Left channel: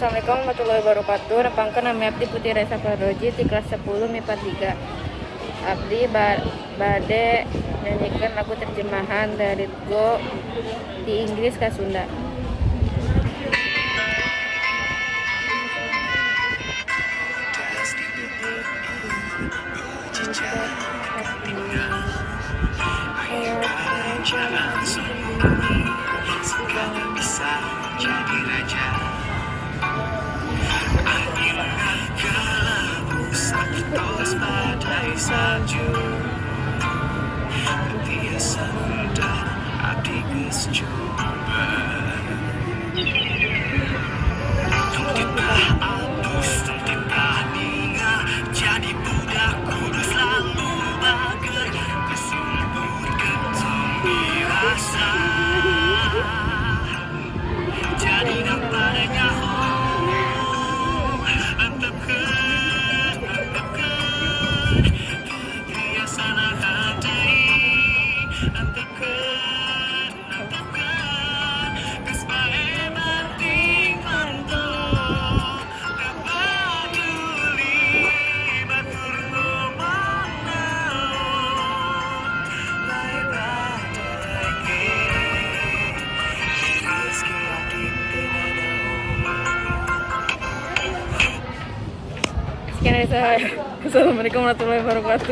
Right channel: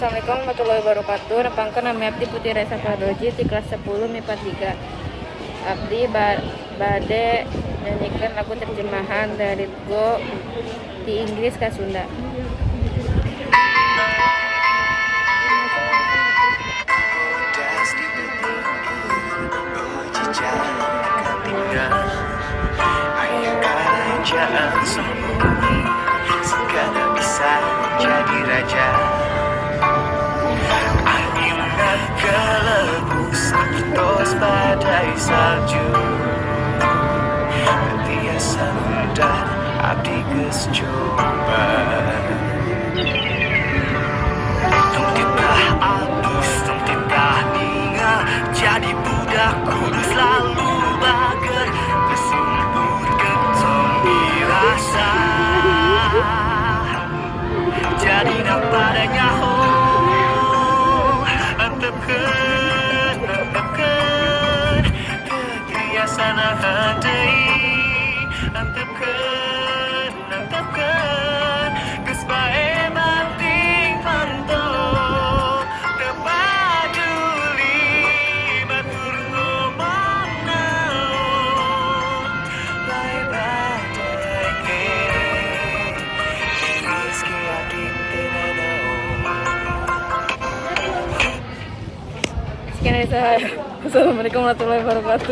Assalamualaikum warahmatullahi wabarakatuh. Nepangkeun nami abdi Putri Resa Pardoji di kelas 10 MIPA 3. Abdi bade nyanyikan lagu terjemahan dari Go di Inggris ke Sunda. Segala bisa jadi raja. Angin gelembus tos badai salju. Biasa dan abdi geus coba. Tengkekah abis, tengkekah ninga, jadi budak kudu selalu bager. Bersungguhkeun zombie rasa. Jadi padanya antepkeun kebiasaan hati antepkeun geus bae banting pantok teu paduli batur ngomong naon bae badege meski adik teu nanaon. Sekian dari saya. Assalamualaikum warahmatullahi wabarakatuh.